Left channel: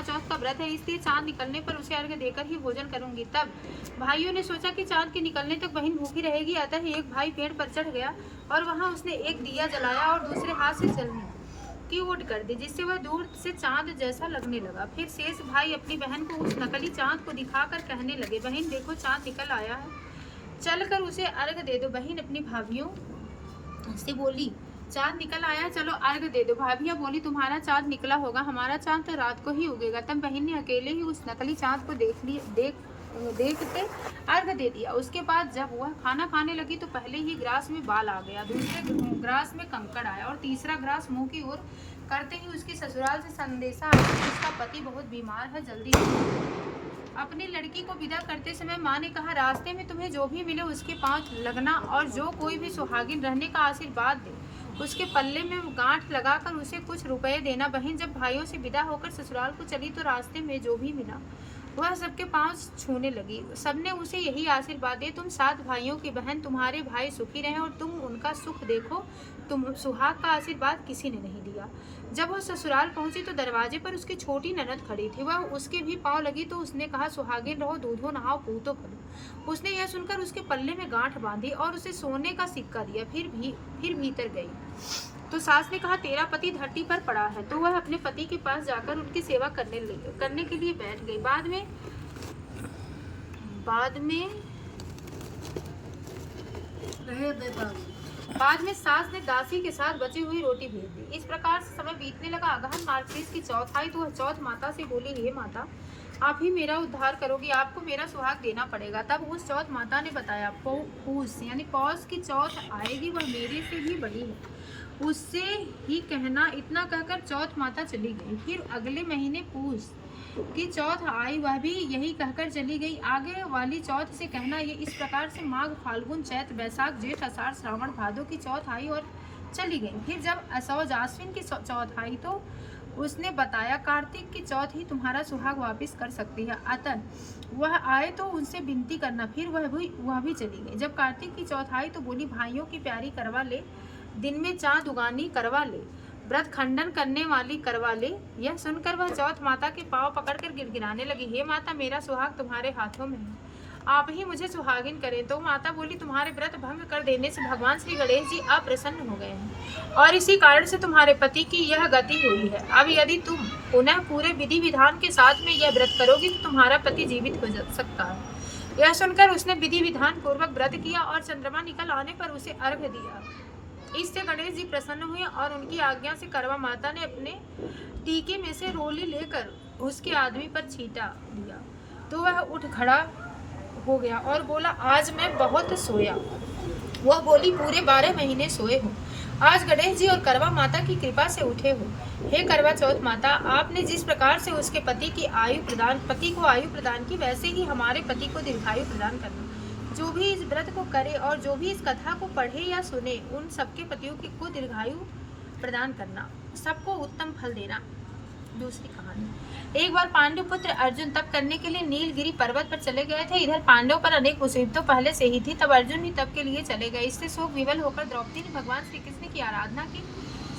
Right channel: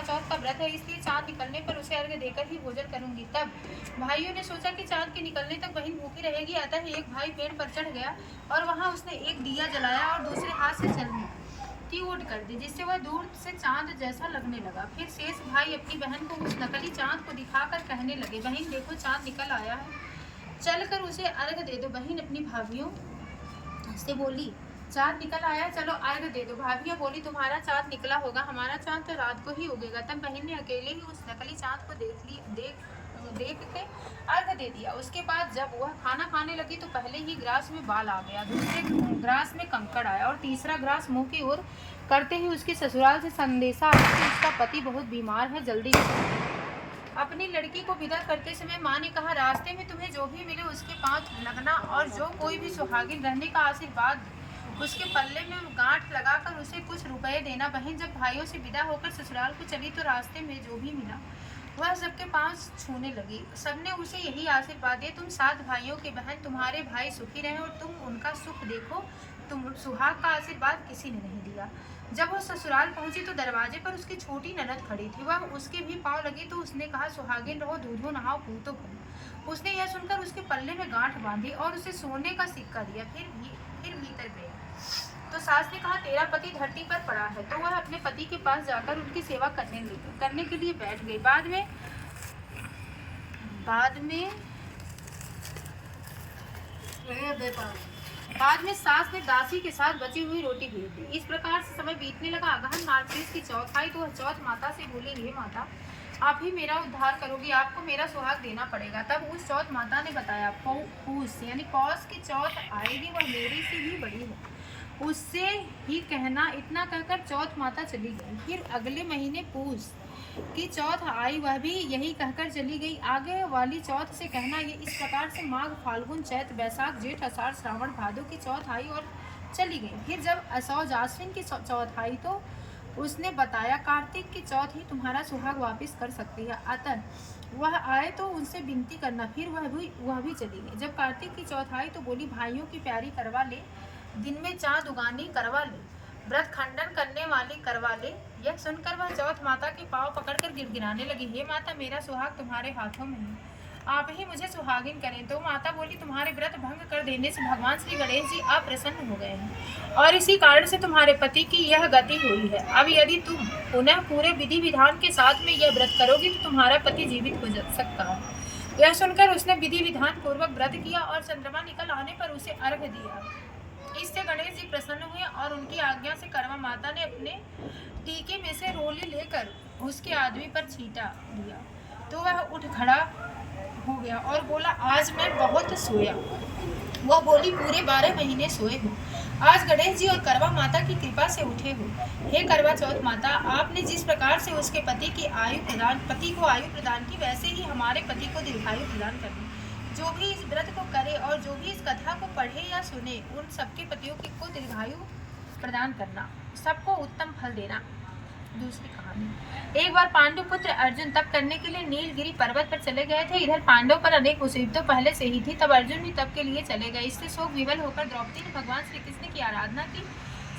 करवा चौथ का व्रत है, इसलिए चांद निकलने पर उसे अर्घ्य देकर ही भोजन करूंगी। तब भाइयों ने सोचा कि चांद के निकलने तक बहन भूखी रहेगी। अतः एक भाई पेड़ पर चढ़ गया और वहां उसने एक दिया जलाया और दूसरे हाथ से जलने की ओट कर दी, जिससे वह दूर से चांद जैसा लगने लगा। फिर शेष भाई अपनी बहन को उस नकली चांद को दिखाकर कहने लगे, बहन देखो चांद निकल आया है, चलकर उसे अर्घ दे दो। बहन अपनी भाभियों से बोली, चांद निकल आया है, चलो अर्घ दे दो। भाभियां बोली, तुम्हारा चांद निकला होगा, हमारा चांद तो रात को ही उगेगा। तब बहन ने अकेले ही उस नकली चांद को देखते अर्घ दे दिया। उसके बाद जब वह खाना खाने लगी तो पहले ही ग्रास में बाल आ गया, दूसरे ग्रास में कंकड़ आया और तीसरा ग्रास मुंह की ओर करते ही उसके ससुराल से संदेशा आया कि उसका पति बहुत बीमार है, जल्दी अपनी लड़की को विदा करते समय माँ ने कहा, रास्ते में तुम्हें जो भी मिले उसके पांव लगना और जो कोई भी सुहागिन रहने का आशीर्वाद दे उसके पल्ले में गांठ लगाकर उसे कुछ रुपए देना। बहन जब भाइयों से विदा होकर ससुराल को चली तो रास्ते में जो भी मिला वह सबके पांव छूने लगी। सबने उसे यही आशीर्वाद दिया, तुम 7 भाइयों की बहन, तुम्हारे भाई सुखी रहें और तुम उनका सुख देखो। तुम सुहाग का आशीर्वाद किसी ने नहीं दिया। जब वह ससुराल पहुंची तो दरवाजे पर उसकी छोटी ननद खड़ी थी। वह उसके भी पाँव लगी तो उसने कहा, सुहागिन रहो, दूधो नहाओ, पूतो फलो। उसने यह सुनकर उसके पल्ले में गांठ बांधी और उसे सोने का सिक्का दिया। फिर भीतर गई तो सास ने कहा, तेरा पति धरती पर पड़ा है। तो वह अपने पति के पास जाकर उनकी सेवा करने के लिए बैठ गई। बाद में सास ने दासी के साथ बची हुई रोटी भेज दी। इस प्रकार से समय बीतने लगा। अगहन मार्गशीर्ष की चौथ आई तो वह चौथ माता से बोली, हे माता, आप ही मेरा उद्धार करोगी, आपको मेरा सुहाग देना पड़ेगा। तब उस चौथ माता ने बताया, पूस यानी पौष की चौथ आएगी, वह मेरी से भी बड़ी है, उससे ही कहना। इतना कहकर चौथ माता चली गई। फिर अगले महीने पूस की चौथ आई, वह भी यही कहकर चली गई। आगे वाली चौथ से कहना। ये इस प्रकार से माघ, फाल्गुन, चैत, बैसाख, जेठ, आषाढ़, श्रावण, भादो की चौथ आई और चली गई। फिर जब असौज आश्विन की चौथ आई तो उसने बताया, कार्तिक की चौथ ही तुम्हारा सुहाग वापिस कर सकती है, अतः वह आए तो उनसे विनती करना। फिर वह भी चली गई। जब कार्तिक की चौथ आई तो बोली, भाइयों की प्यारी करवा ले, दिन में चाँद उगानी करवा ले, व्रत खंडन करने वाली करवा ले। यह सुनकर वह चौथ माता के पांव पकड़कर गिड़गिड़ाने लगी, हे माता, मेरा सुहाग तुम्हारे हाथों में है, आप ही मुझे सुहागिन करें। तो माता बोली, तुम्हारे व्रत भंग कर देने से भगवान श्री गणेश जी अप्रसन्न हो गए हैं और इसी कारण से तुम्हारे पति की यह गति हुई है। अब यदि तुम पुनः पूरे विधि विधान के साथ में यह व्रत करोगी तो तुम्हारा पति जीवित हो सकता है। यह सुनकर उसने विधि विधान पूर्वक व्रत किया और चंद्रमा निकल आने पर उसे अर्घ्य दिया। इससे गणेश जी प्रसन्न हुए और उनकी आज्ञा से करवा माता ने अपने टीके में से रोली लेकर उसके आदमी पर छींटा दिया तो वह उठ खड़ा हो गया और बोला, आज मैं बहुत सोया। वह बोली, पूरे 12 महीने सोए हो, आज गणेश जी और करवा माता की कृपा से उठे हो। हे करवा चौथ माता, आपने जिस प्रकार से उसके पति को आयु प्रदान की, वैसे ही हमारे पति को दीर्घायु प्रदान करनी। जो भी इस व्रत को करे और जो भी इस कथा को पढ़े या सुने, उन सबके पतियों को दीर्घायु प्रदान करना, सबको उत्तम फल देना। दूसरी कहानी। एक बार पांडु पुत्र अर्जुन तप करने के लिए नीलगिरी पर्वत पर चले गए थे। इधर पांडवों पर अनेक मुसीबतों पहले से ही थी, तब अर्जुन भी तप के लिए चले गए। इससे शोक विवल होकर द्रौपदी ने भगवान श्री कृष्ण की आराधना की।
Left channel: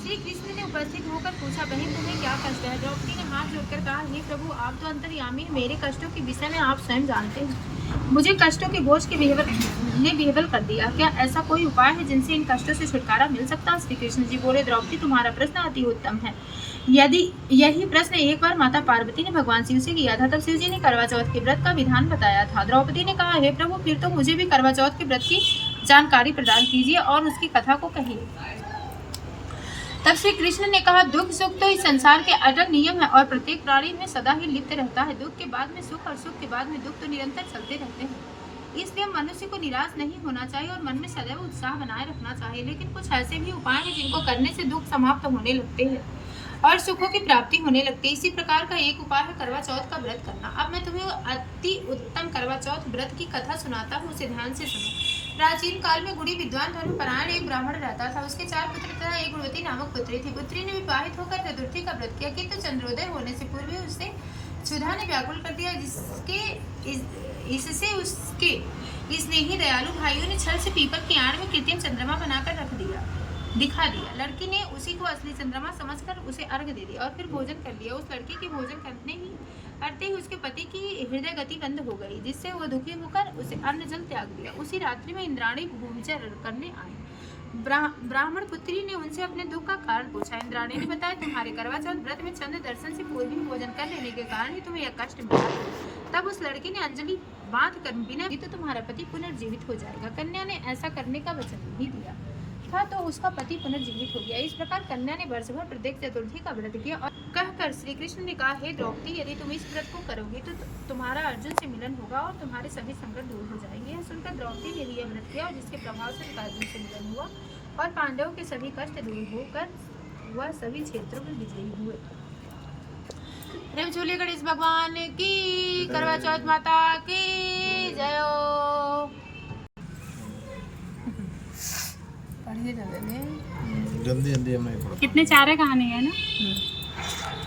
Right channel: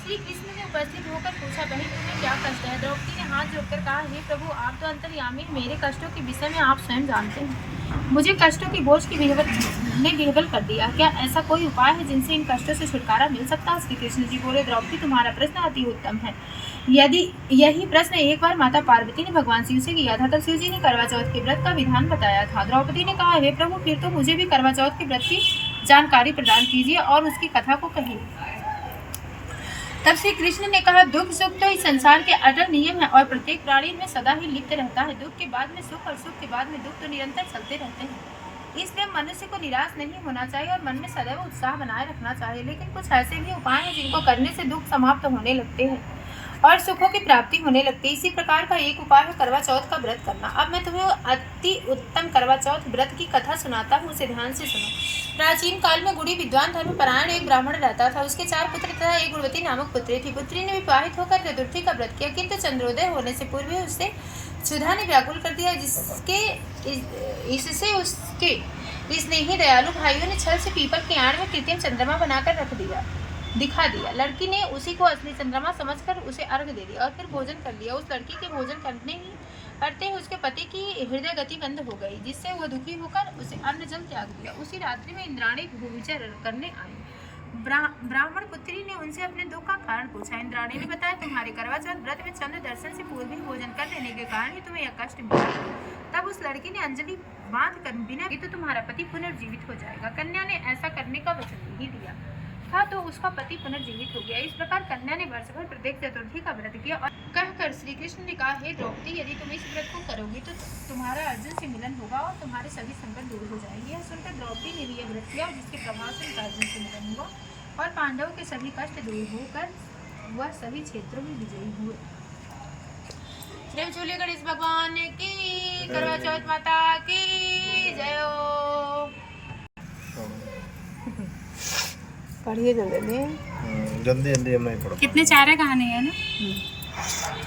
श्री कृष्ण ने उपस्थित होकर पूछा, बहन तुम्हें क्या कष्ट है? द्रौपदी ने हाथ जोड़कर कहा, हे प्रभु, आप तो अंतर्यामी हैं, मेरे कष्टों के विषय में आप स्वयं जानते हैं। मुझे कष्टों के बोझ की विह्वल कर दिया। क्या ऐसा कोई उपाय है जिनसे इन कष्टों से छुटकारा मिल सकता है? श्री कृष्ण जी बोले, द्रौपदी, तुम्हारा प्रश्न अति उत्तम है। यदि यही प्रश्न एक बार माता पार्वती ने भगवान शिव से किया था, तब शिव जी ने करवा चौथ के व्रत का विधान बताया था। द्रौपदी ने कहा, हे प्रभु, फिर तो मुझे भी करवा चौथ के व्रत की जानकारी प्रदान कीजिए और उसकी कथा को कहिए। तब श्री कृष्ण ने कहा, दुख सुख तो इस संसार के अटल नियम है और प्रत्येक प्राणी में सदा ही लिप्त रहता है। दुख के बाद में सुख और सुख के बाद में दुख तो निरंतर चलते रहते हैं। इसलिए मनुष्य को निराश नहीं होना चाहिए और मन में सदैव उत्साह बनाए रखना चाहिए। लेकिन कुछ ऐसे भी उपाय हैं जिनको करने से दुख समाप्त होने लगते हैं और सुखों की प्राप्ति होने लगती है। इसी प्रकार का एक उपाय है करवा चौथ का व्रत करना। अब मैं तुम्हें अति उत्तम करवा चौथ व्रत की कथा सुनाता हूँ, उसे ध्यान से सुनो। प्राचीन काल में गुणी विद्वान धर्मपरायण एक ब्राह्मण रहता था। उसके 4 पुत्र तथा एक गुणवती नामक पुत्री थी। पुत्री ने विवाहित होकर चतुर्थी का व्रत किया, किंतु चंद्रोदय होने से पूर्व उससे क्षुधा ने व्याकुल कर दिया, इससे उसके स्नेही दयालु भाइयों ने छल से पीपल के आड़ में कृत्रिम चंद्रमा बनाकर रख दिया। दिखा दिया। लड़की ने उसी को असली चंद्रमा समझकर उसे अर्घ दे दिया और फिर भोजन कर लिया। उस लड़की के भोजन करते ही उसके पति की हृदय गति बंद हो गई, जिससे वह दुखी होकर उसे अन्न जल त्याग दिया। उसी रात्रि में इंद्राणी भूविचर करने आई। ब्राह्मण पुत्री ने उनसे अपने दुख का कारण पूछा। इंद्राणी ने बताया, तुम्हारे करवा चौथ व्रत में चंद्र दर्शन से पूर्व ही भोजन कर लेने के कारण ही तुम्हें यह कष्ट मिला। तब उस लड़की ने अंजलि बांध कर बिना तो तुम्हारा पति पुनर्जीवित हो जाएगा। कन्या ने ऐसा करने का वचन नहीं दिया था तो उसका पति पुनर्जीवित हो गया। इस प्रकार कन्या ने वर्ष भर प्रत्येक चतुर्थी का व्रत किया और कहकर श्री कृष्ण ने कहा, हे द्रौपदी, यदि तुम इस व्रत को करोगे तो तुम्हारा अर्जुन से मिलन होगा और तुम्हारे सभी संकट दूर हो जाएंगे। यह सुनकर द्रौपदी ने भी यह व्रत किया और जिसके प्रभाव से अर्जुन से मिलन हुआ और पांडवों के सभी कष्ट दूर होकर वह सभी क्षेत्रों में विजयी हुए। प्रेम झूले गणेश भगवान की, करवा चौथ माता की जय हो। पढ़िए जल्दी जल्दी मैं पढ़। कितने चारे कहानी है ना।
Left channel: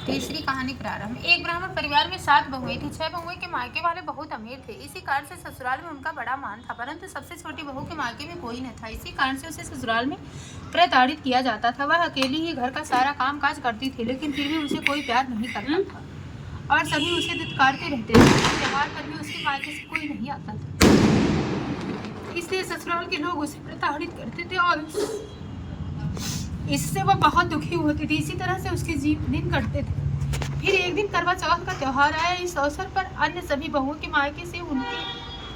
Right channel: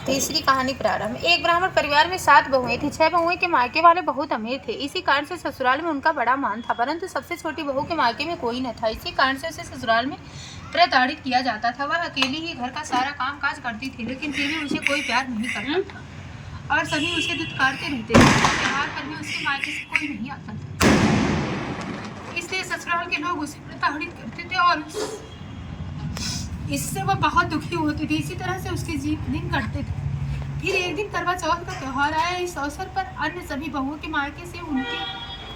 तीसरी कहानी प्रारंभ। एक ब्राह्मण परिवार में 7 बहुएं थी। 6 बहुएं के मायके वाले बहुत अमीर थे। इसी कारण से ससुराल में उनका बड़ा मान था, परंतु सबसे छोटी बहू के मायके में कोई न था। इसी कारण से उसे ससुराल में प्रताड़ित किया जाता था। वह अकेली ही घर का सारा काम काज करती थी, लेकिन फिर भी उसे कोई प्यार नहीं करता था और सभी उसे दुत्कारते रहते थे। त्योहार पर भी उसके मायके से कोई नहीं आता था, इसलिए ससुराल के लोग उसे प्रताड़ित करते थे और इससे वह बहुत दुखी होती थी। इसी तरह से उसके दिन कटते थे। फिर एक दिन करवा चौथ का त्योहार आया। इस अवसर पर अन्य सभी बहुओं के मायके से उनके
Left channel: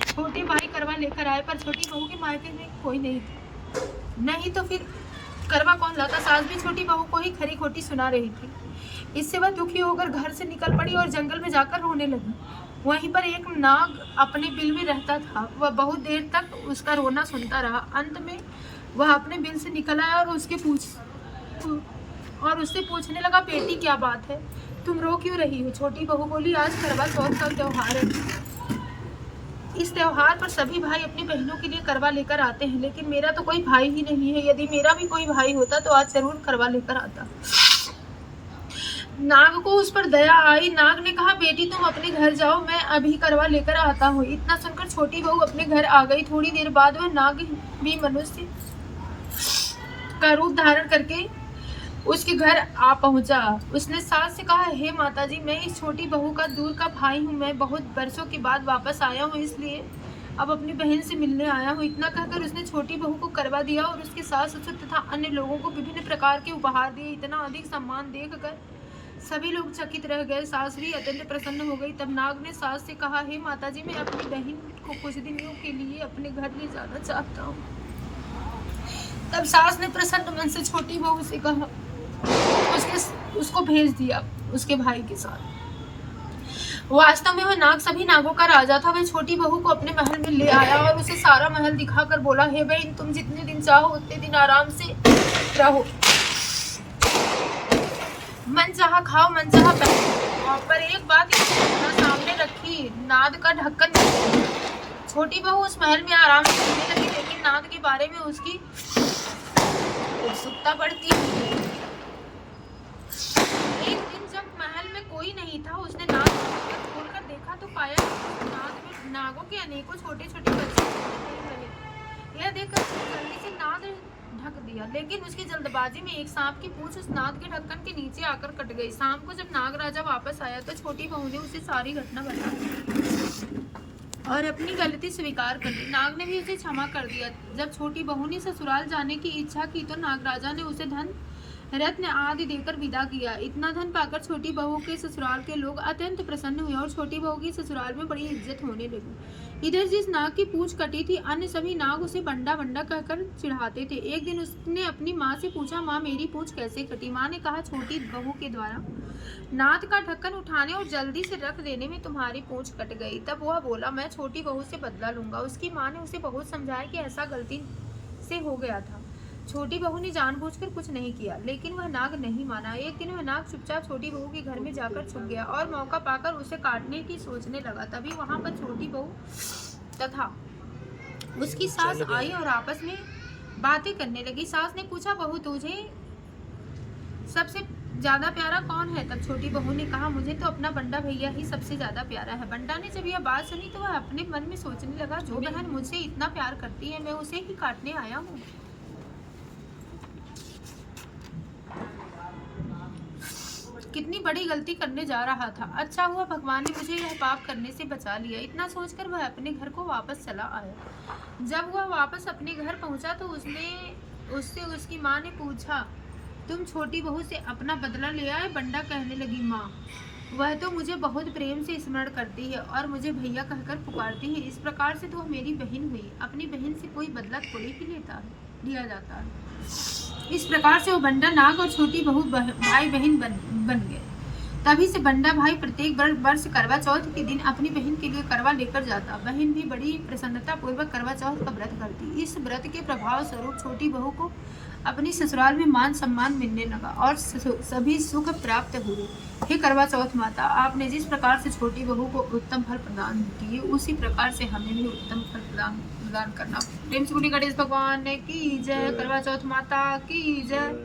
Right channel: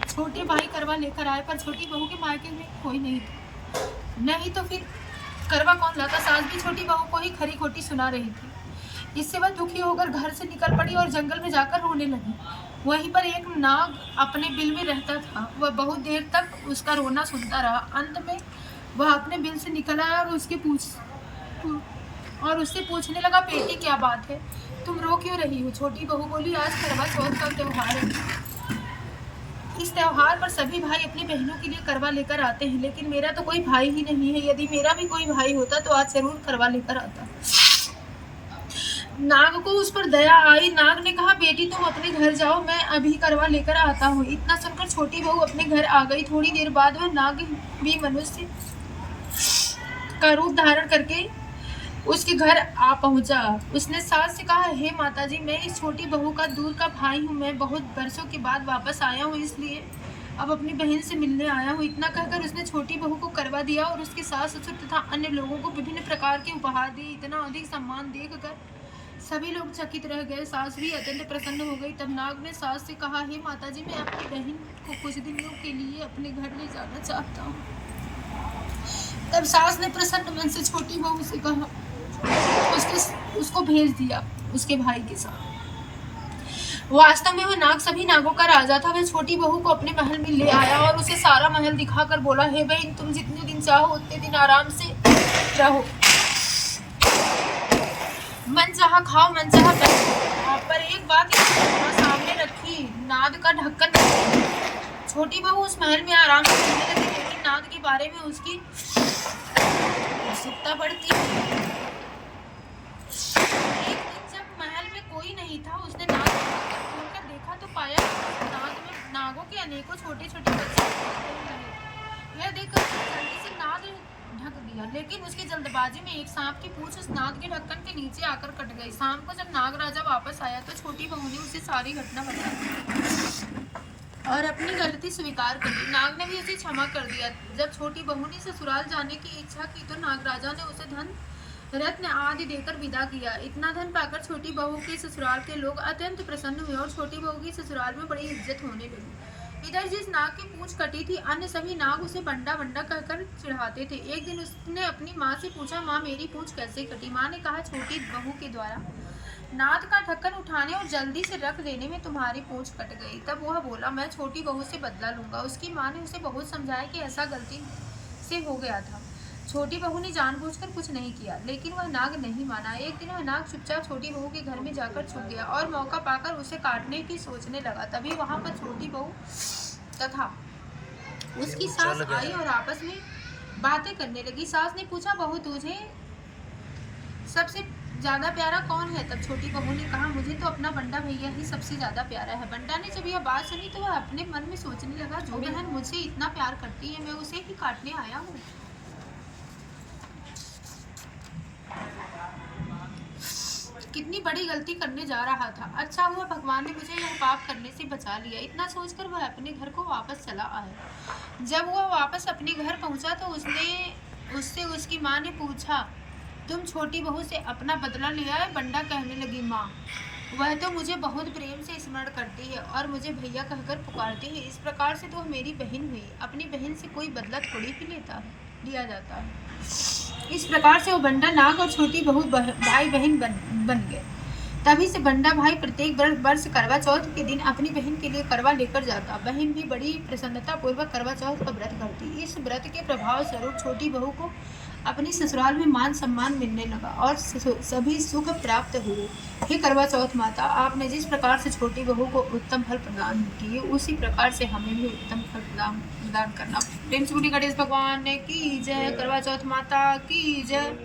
छोटे भाई करवा लेकर आए, पर छोटी बहू के मायके में कोई नहीं था। नहीं तो फिर करवा कौन लाता। सास भी छोटी बहू को ही खरी खोटी सुना रही थी। इससे वह दुखी होकर घर से निकल पड़ी और जंगल में जाकर रोने लगी। वहीं पर एक नाग अपने बिल में रहता था। वह बहुत देर तक उसका रोना सुनता रहा। अंत में वह अपने बिल से निकल आया और उससे पूछने लगा, बेटी क्या बात है, तुम रो क्यों रही हो। छोटी बहू बोली, आज करवा चौथ का त्योहार है। इस त्योहार पर सभी भाई अपनी बहनों के लिए करवा लेकर आते हैं, लेकिन मेरा तो कोई भाई ही नहीं है। यदि मेरा भी कोई भाई होता तो आज जरूर करवा लेकर आता। नाग को उस पर दया आई। नाग ने कहा, बेटी तुम अपने घर जाओ, मैं अभी करवा लेकर आता हूँ। इतना सुनकर छोटी बहू अपने घर आ गई। थोड़ी देर बाद वह नाग भी मनुष्य का रूप धारण करके उसके घर आ पहुंचा। उसने सास से कहा, हे माताजी, मैं इस छोटी बहू का दूर का भाई हूँ। मैं बहुत बरसों के बाद वापस आया हूँ, इसलिए अब अपनी बहन से मिलने आया हूँ। इतना कहकर उसने छोटी बहू को करवा दिया और उसके सास ससुर तथा अन्य लोगों को विभिन्न प्रकार के उपहार दिए। इतना अधिक सम्मान देखकर सभी लोग चकित रह गए। सास भी अत्यंत प्रसन्न हो गई। तब नाग ने सास से कहा, हे माताजी, मैं अपनी बहन को कुछ दिनों के लिए अपने घर ले जाना चाहता हूँ। तब सास ने प्रसन्न मन से छोटी बहू से कहा, उसको भेज दिया उसके भाई के साथ। वास्तव में वह नाग सभी नागों का राजा था। वह छोटी बहू को अपने महल में ले आया और उसे सारा महल दिखाकर बोला, हे बहन, तुम जितने दिन चाहो उतने दिन आराम से रहो, मन चाहा खाओ, मन चाहा पहनो। पर एक बात सामने रखी, नाद का ढक्कन नहीं। छोटी बहू उस महल में आराम से रहने लगी, लेकिन नाद के बारे में उसकी उत्सुकता बढ़ती। एक दिन जब महल में कोई नहीं था, उसने नाद खोलकर देखा तो पाया नाद में नागों के अनेकों छोटे छोटे बच्चे लगे। यह देखकर जल्दी से नाद ढक दिया, लेकिन उसकी जल्दबाजी में एक सांप की पूंछ उस नाद के ढक्कन के नीचे आकर कट गई। शाम को जब नाग राजा वापस आया तो छोटी बहू ने उसे सारी घटना बताई और अपनी गलती स्वीकार कर ली। नाग ने भी उसे क्षमा कर दिया। जब छोटी बहू ने ससुराल जाने की इच्छा की तो नाग राजा ने उसे धन रत्न आदि देकर विदा किया। इतना धन पाकर छोटी बहू के ससुराल के लोग अत्यंत प्रसन्न हुए और छोटी बहू की ससुराल में बड़ी इज्जत होने लगी। इधर जिस नाग की पूंछ कटी थी, अन्य सभी नाग उसे बंडा बंडा कहकर चिढ़ाते थे। एक दिन उसने अपनी माँ से पूछा, माँ, मेरी पूंछ कैसे कटी। माँ ने कहा, छोटी बहू के द्वारा नाद का ढक्कन उठाने और जल्दी से रख देने में तुम्हारी पूंछ कट गई। तब वह बोला, मैं छोटी बहू से बदला लूंगा। उसकी माँ ने उसे बहुत समझाया कि ऐसा गलती से हो गया था। छोटी बहू ने जानबूझकर कुछ नहीं किया, लेकिन वह नाग नहीं माना। एक दिन वह नाग चुपचाप छोटी बहू के घर में जाकर छुप गया और मौका पाकर उसे काटने की सोचने लगा। तभी वहां पर छोटी बहू तथा उसकी सास आई और आपस में बातें करने लगी। सास ने पूछा, बहू, तुझे सबसे ज्यादा प्यारा कौन है। तब छोटी बहू ने कहा, मुझे तो अपना बंडा भैया ही सबसे ज्यादा प्यारा है। बंडा ने जब यह बात सुनी तो वह अपने मन में सोचने लगा, जो बहन मुझसे इतना प्यार करती है, मैं उसे ही काटने आया हूँ। कितनी बड़ी गलती करने जा रहा था। अच्छा हुआ भगवान ने मुझे यह पाप करने से बचा लिया। इतना सोचकर वह अपने घर को वापस चला आया। जब वह वापस अपने घर पहुंचा तो उससे उसकी माँ ने पूछा, तुम छोटी बहू से अपना बदला ले आए? बंडा कहने लगी, माँ वह तो मुझे बहुत प्रेम से स्मरण करती है और मुझे भैया कहकर पुकारती है। इस प्रकार से तो मेरी बहन हुई। अपनी बहन से कोई बदला थोड़ी ही लिया जाता है। इस प्रकार से वो बंडा नाग और छोटी बहू भाई बहन बन गए। तभी से बंडा भाई प्रत्येक वर्ष करवा चौथ के दिन अपनी बहन के लिए करवा लेकर जाता। बहन भी बड़ी प्रसन्नता पूर्वक करवा चौथ का व्रत करती। इस व्रत के प्रभाव स्वरूप छोटी बहू को अपनी ससुराल में मान सम्मान मिलने लगा और सभी सुख प्राप्त हुए। हे करवा चौथ माता, आपने जिस प्रकार से छोटी बहू को उत्तम फल प्रदान किए, उसी प्रकार से हमें भी उत्तम फल प्रदान करना। प्रेम से बोलिए गणेश भगवान की जय, करवा चौथ माता की जय।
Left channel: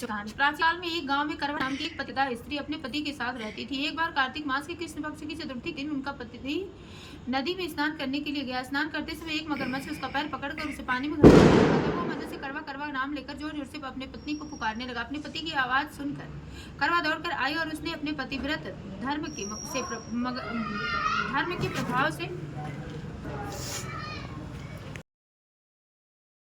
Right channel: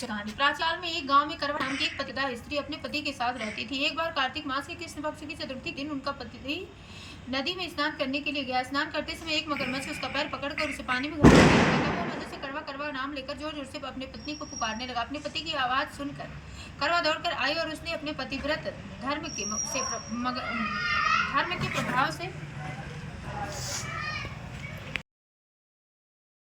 प्राचीन काल में एक गांव में करवा नाम की एक पतिता स्त्री अपने पति के साथ रहती थी। एक बार कार्तिक मास के कृष्ण पक्ष की चतुर्थी दिन उनका पति नदी में स्नान करने के लिए गया। स्नान करते समय एक मगरमच्छ उसका पैर पकड़कर उसे पानी में घसीट दिया। तब वो मजे से करवा करवा नाम लेकर जोर जोर से अपने पत्नी को पुकारने लगा। अपने पति की आवाज सुनकर करवा दौड़कर आई और उसने अपने पतिव्रत धर्म के प्रभाव से